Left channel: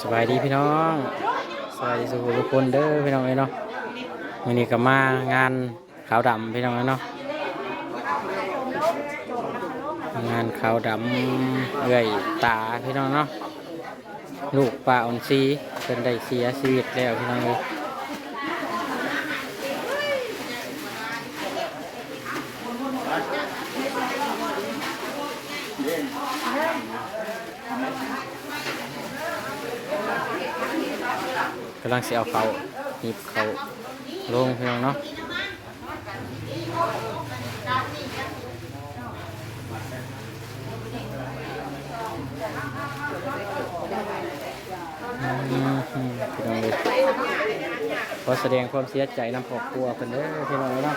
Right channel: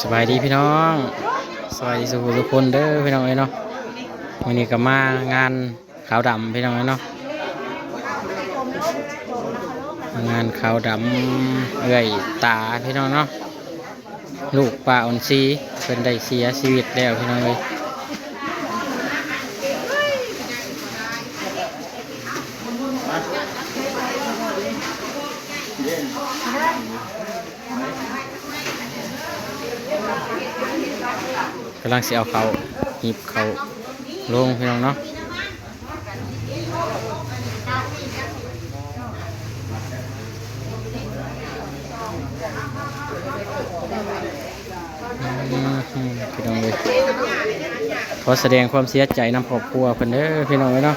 สบายดีพี่น้องสบายดีสุขทุกคนเด้อพี่น้องเอ้ยเนาะวันนี้ก็มางานขาวดำพี่น้องเอ้ยเนาะงานขาวดำเอื้อยตาพี่น้องเนาะลูกป้าอ่อนซีเป็นได้เสียชีวิตแล้วพี่น้องเอ้ย กำลังสิเอาเขาหยิบเขาลงพี่น้องเนาะพี่น้องเลยขอแสดงความเสียใจนำครอบครัวเพิ่นเด้อพี่น้องเลยเนาะ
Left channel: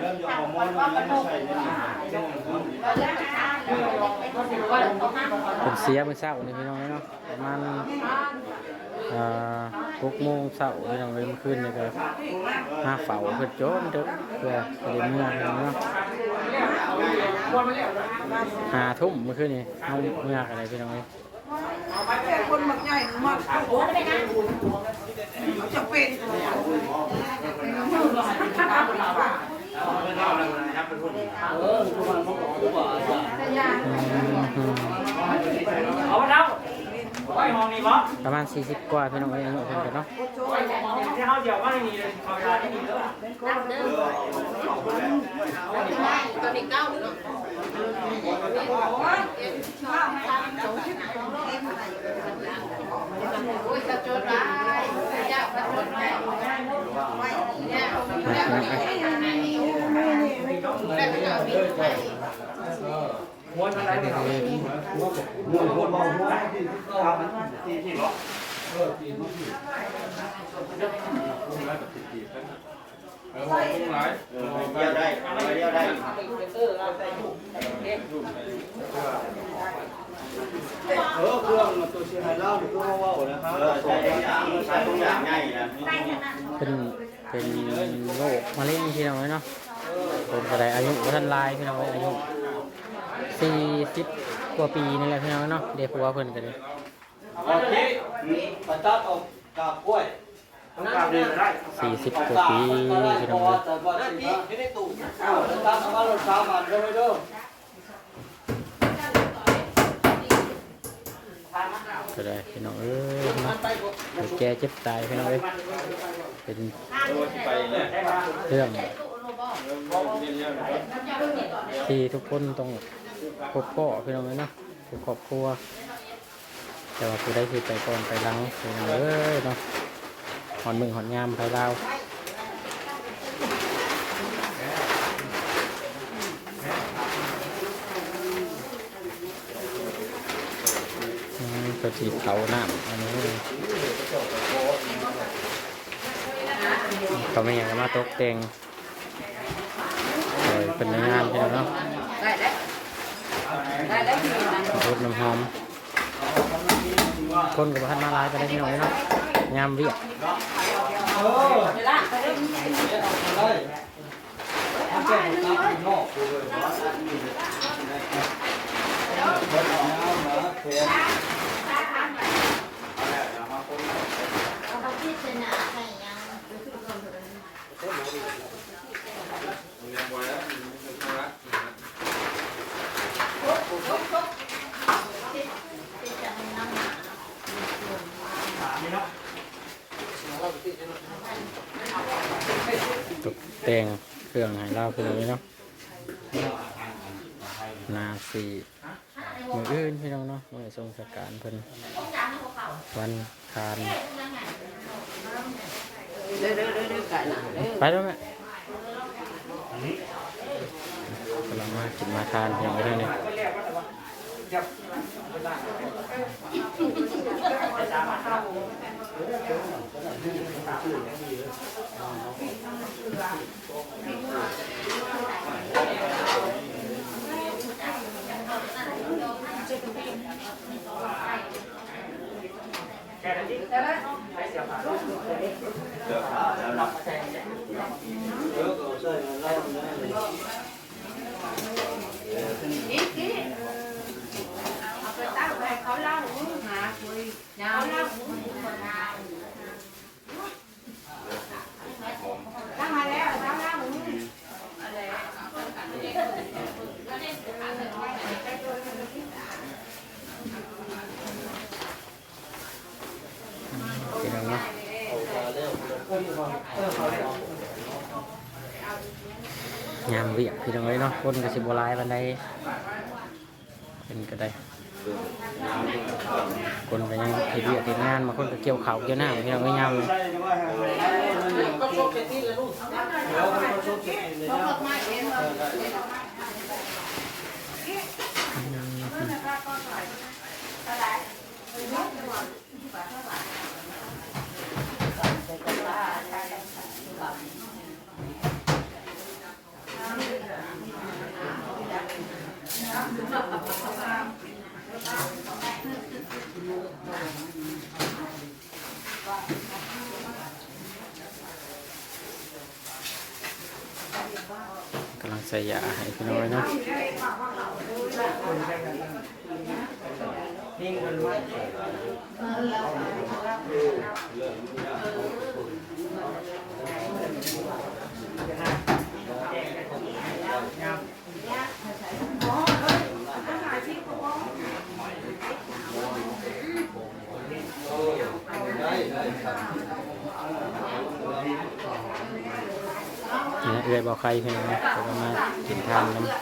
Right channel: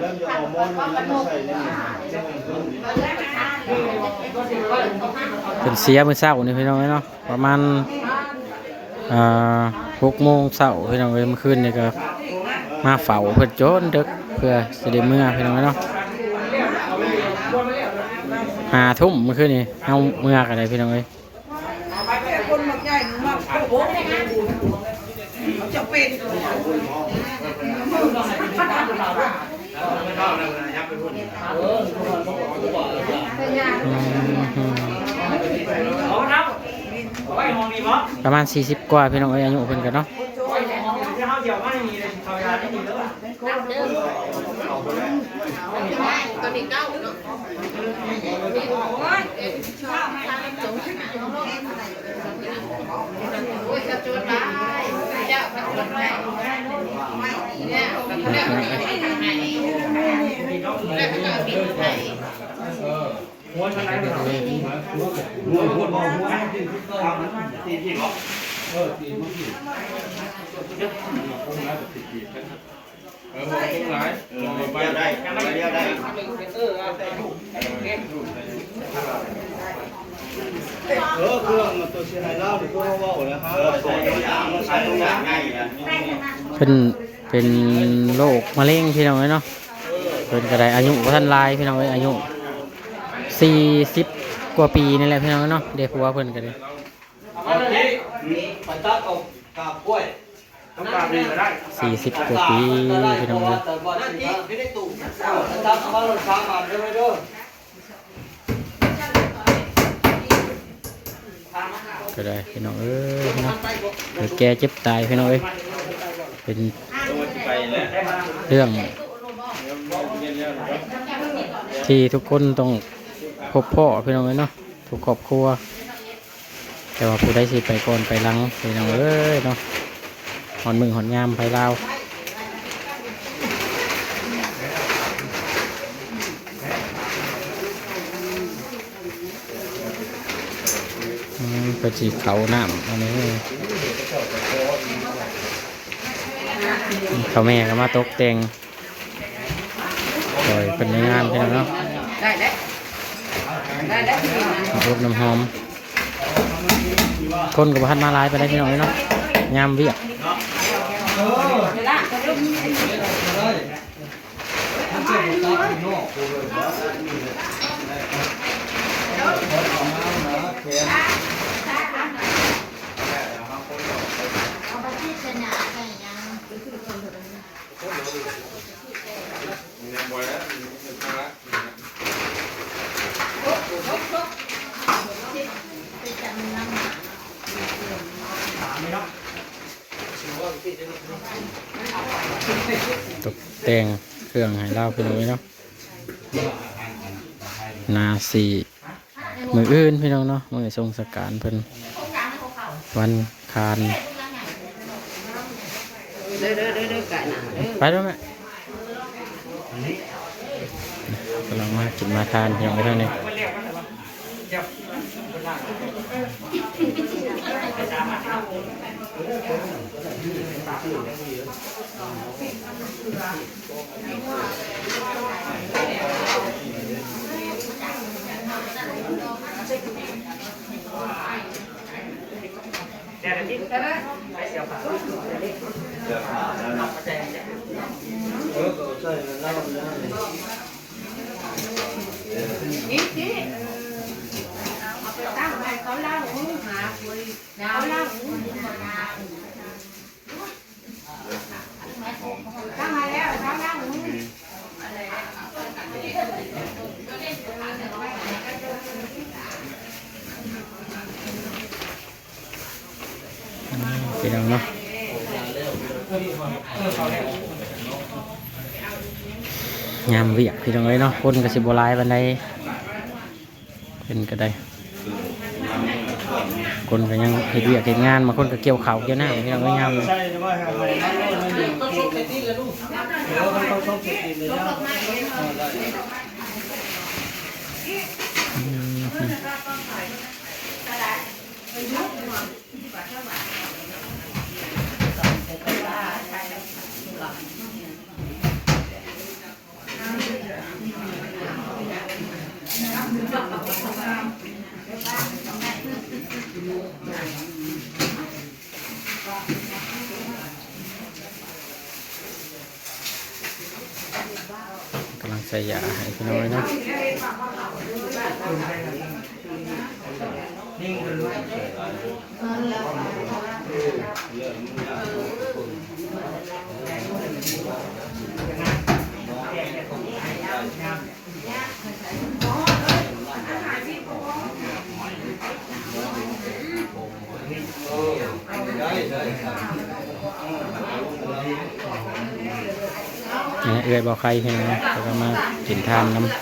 เพิ่นนี้เป็นเสียมื้อเช้านี่พี่น้องเนาะประมาณหกโมงเช้าพี่น้องเลยเมื่อคืนนี่ก็มาเฝ้าเพิ่นโจนเดึกเพื่อสิได้เมื่อพี่น้องเนาะหาทุ่มเมื่อคืนนี่เอาเมื่อกันเลยพี่น้องเอ้ยจะเป็น อืม เอาแล้วไว้ห้องนี้มั้ง ประมาณ 40 กว่าพี่น้องเอ้ยอายุเพิ่นกันเนาะไว้ห้องนี้ที่เขาเดี๋ยวว่าไม่มีเลยเขาเวลาไม่มีแล้วม้วนอะไรเนี่ยม้วนม้วนม้วนม้วนตีที่หรอเออผมต้องร้ายเออไปได้ไป เดียวได้เออเครื่องมันตัวเชียร์ไฮเล่าหรือเครื่องว่าวนะครับเออใส่ตัวอย่างใส่ตัวอย่างง่ายนะเพิ่นเป็นโรคมะเร็งพี่น้องเอ้ยเนาะ เพิ่นก็ได้อายุบ่ทันหลายพี่น้องเอ้ยอายุ40กว่าปีนี่แหละพี่น้องเอ้ยเนาะเด็กผัวเพิ่นก็ได้เอาที่ปัตตาเอากาบกล้วยต้องการเดินได้40กว่าปีพี่น้องเอ้ยแต่บ่ได้ที่ไม่ได้ตู่เอาปัตตาเอามาลงสามบาทได้ไหมเด้อก็ได้พี่น้องเอ้ยเนาะเดี๋ยวแกเจ็บตายพี่น้องเอ้ยเป็นไปแล้วเรื่อง ที่ทุกคนต้องพบพ่อพี่น้องเอ้ยเนาะทุกครอบครัว แต่ว่าผู้ใดสิไปก่อนไปหลังพี่น้องเอ้ยเนาะหอนมือหอนยามไปลาวอืมก็จีเขาน้ำอันนี้เขาแม่ก็มาตกแต่ง เป็นงานพี่น้องเนาะได้ได้ได้ได้ที่นั่นรูปน้ำหอมคนกับพันมาลายไปได้พี่น้องเนาะยามเวียกเวลาก็เริ่มเอาไปที่ชนะใส่ยังยังละตกแต่งเครื่องให้เราพี่น้องเนาะนาสีมืออื่นพี่น้องเนาะมือทรงสการเพิ่นวันคารเด้อเด้อเด้อเด้อไก่หนไปแล้วแม่ กำลังมากินมาทานพี่น้องเท่านี้เดี๋ยวขาดแล้วเนาะเออก็ใส่เหล้าแล้วนี่ นี่นี่เอาไปตั้งไว้เขาเล่าหนูหาคุยเขาเล่าหนูมาตั้งมาแล้วเขาเล่าหนู พี่น้องเนาะงามเวียกพี่น้องเลยเนาะคนก็สิบหลายวันใดเป็นก็ได้ คนก็ยังเฮ็ดเวียกเฮ็ดงานบางคนก็เกี่ยวเขาเกี่ยวหน้าพี่น้องก็งามเลยก็ชกเตีเลยลูกเดี๋ยวเขาชกเกเลยนะำลังใส่ยาให้พี่น้องเลยเนาะเนี่ยเอื้อยบอกใครเพียงนะแต่ก็มากินทานน้ำหน่อย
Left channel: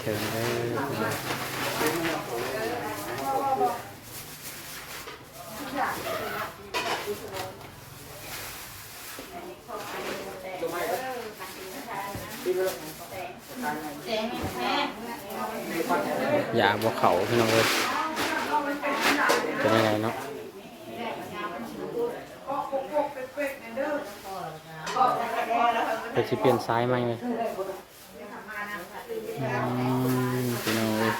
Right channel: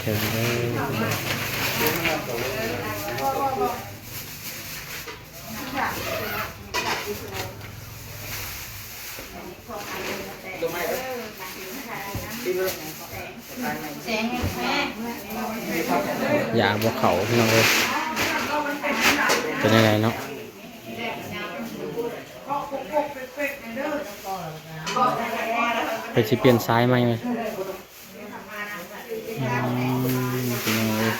เถิงเด้อ อย่าบวเขาพี่น้องเลยเป็นยังไงเนาะไปสิเปลี่ยนซ้ายไหมไหมพี่น้องเอ้ย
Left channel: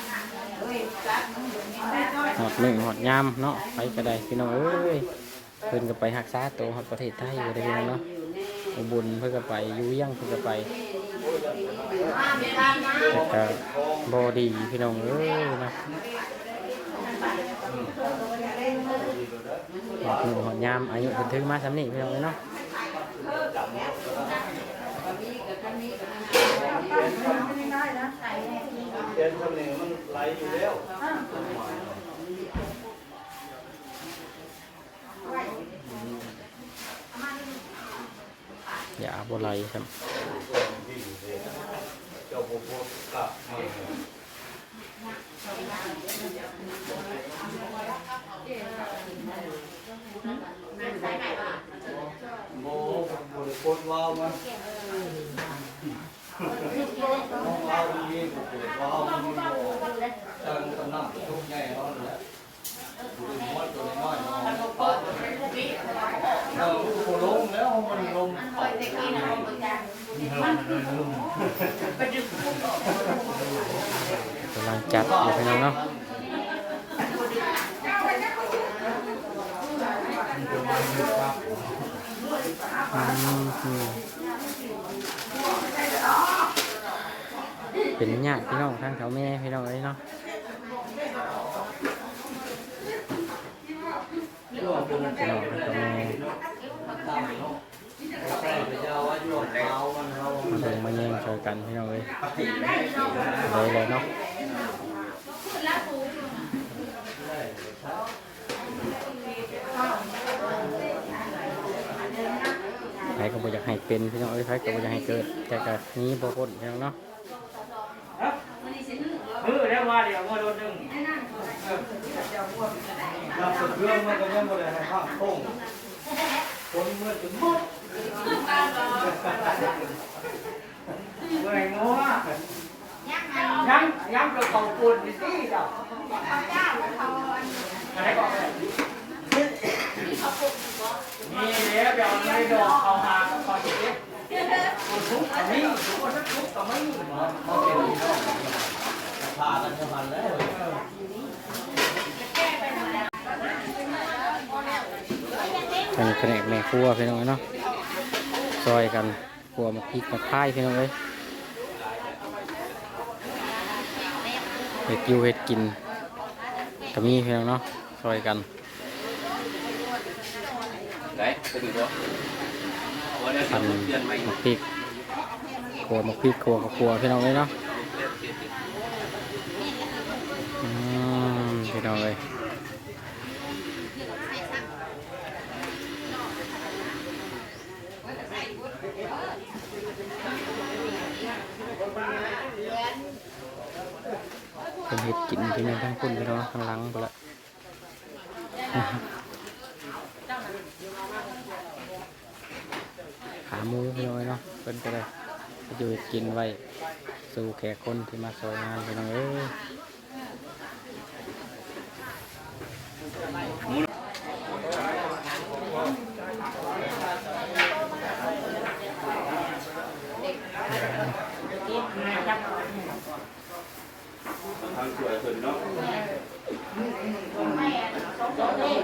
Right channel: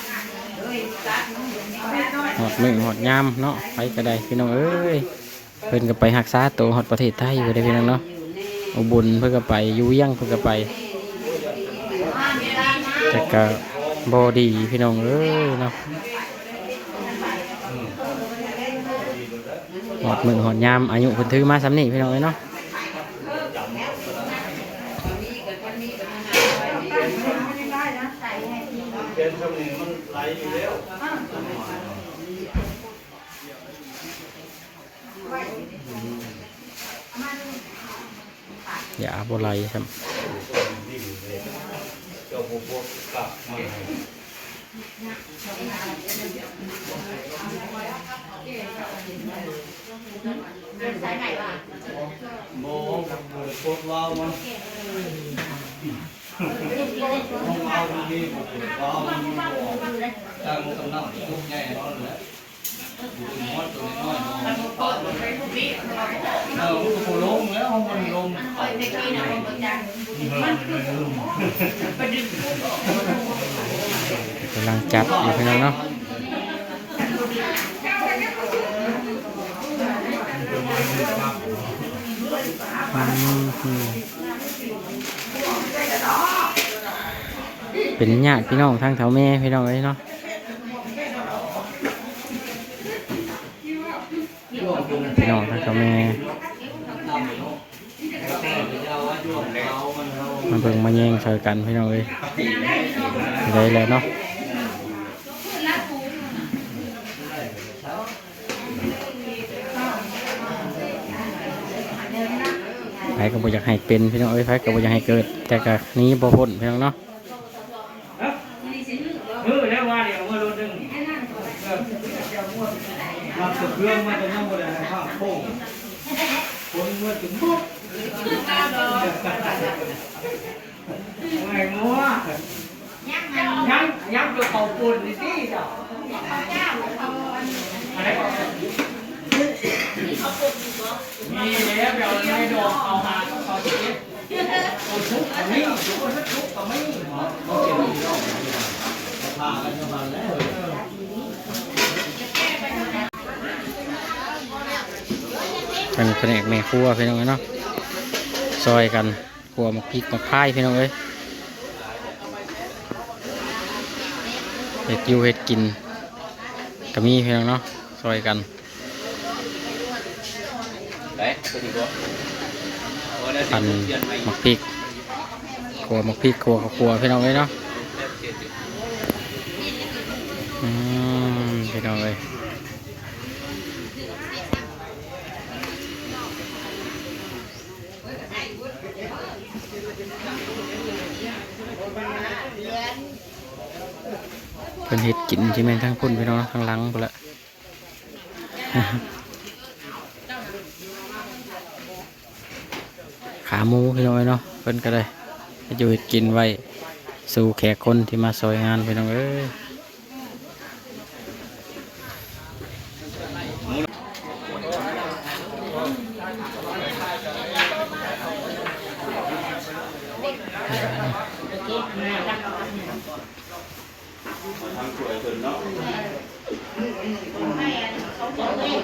หอดมือหอดยามเนาะไปก็ได้พี่น้องเอ้ยเพิ่นก็ไปหักษาตัวหอดประเทศไทยอยู่ได้พี่น้องเนาะอุบลเพิ่นก็ไปยูเวียังเพิ่นก็ไป แต่ก็บอดีพี่น้องเอ้ยเนาะหอดมือหอดยามอายุเพิ่นถือมาสำนี่พี่น้องเอ้ยเนาะเปลี่ยนทำนี่มันไหลอยู่แล้วอย่าบไหลครับ จ้าพวกพวกกลับมาโมบริโภคว้าวมาว้าวนี่บริโภคว้าวนี่ตั้งกำลังทุกใหญ่เนาะเลยดูมดตัวน้อย เนาะเราก็ลงแล้วมันลงกำลังจัดอยู่พี่น้องเนาะอืมเป็นญาติพี่น้องทางแถวแม่พี่น้องเอ้ยเนาะ ย่วงตัวนั้น พี่น้องท่านจะมันเอามาเบิ่งมาแย่งช่กันพี่น้องเอ้ยเลยแล้วเนาะไผก็บ่อยากให้เป็นพี่น้องเอ้ยไผก็บ่อยากให้เกิด แต่ก็นี้บ่พ้นพี่น้องเนาะ มือแล้วว่าเดี๋ยวมาโดนดึง นำสุด เรื่องมันจะยังบ่ได้ให้ข้างโค้งคนเมื่อถึงปุ๊บไม่งัวยังยังตัวเขาปุ่นสิจ้ะอะไรก่อนมีแล้วเดี๋ยวไม่ดอกเขาหาเขาจะเก็บทุกอันนี้ทุกคนทุกก็ไม่เขาเก็บอยู่พากันจะมาแล้ว ทางแผนกแม่ครัวพี่น้องเอ้เนาะซอยกันครัวหมักพริกหมักพายพี่น้องเอ้ยเห็ดยูเห็ดกินก็มีพี่น้องเนาะซอยกันปั่นหมักพริกครัวหมักพริกครัวกับครัวพี่น้องเลยเนาะอืมพี่น้องเลย เป็นเห็ดกินใช่ไหมทั้งพุ่นไปน้องทั้งหลังไปละขาหมูพี่น้องเอ้ยเนาะเพิ่นก็ได้จะอยู่เฮ็ดกินไว้สู่แขกคนที่มาซอยงานพี่น้องเอ้ย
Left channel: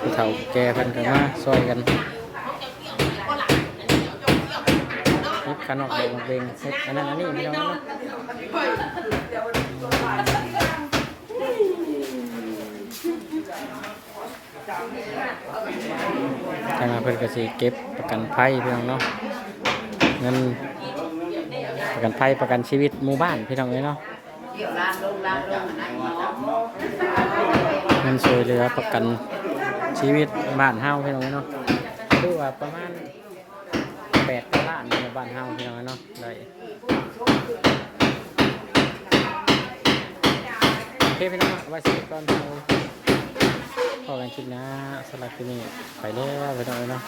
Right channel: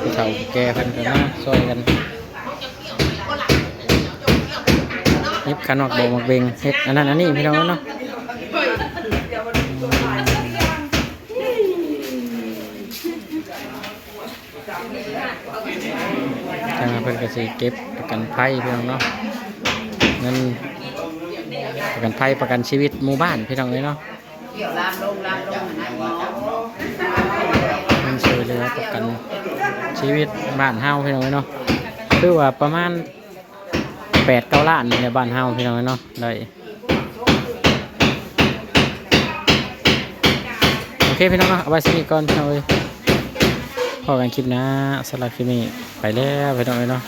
ผู้เฒ่าผู้แก่เพิ่นก็มาซอยกันเฮ็ดขนอกดอกมักเบงเฮ็ดอันนั้นอันนี้พี่น้องเนาะทางเพิ่นก็สิเก็บประกันภัยพี่น้องเนาะเงินประกันภัยประกันชีวิตหมู่บ้านพี่น้องเอ้ยเนาะเกี่ยวลามลงลามลงไหนหมอ ช่วยเหลือประกันชีวิตบ้านเฮาพี่น้องเนาะคือว่าประมาณแปดเก้าล้านในบ้านเฮาพี่น้องเนาะได้โอเคพี่น้องเนาะเอาไว้สนิทก่อนพี่น้องเลยพอกันคลิปนะสำหรับคลิปนี้ไปแล้วพี่น้องเลยเนาะ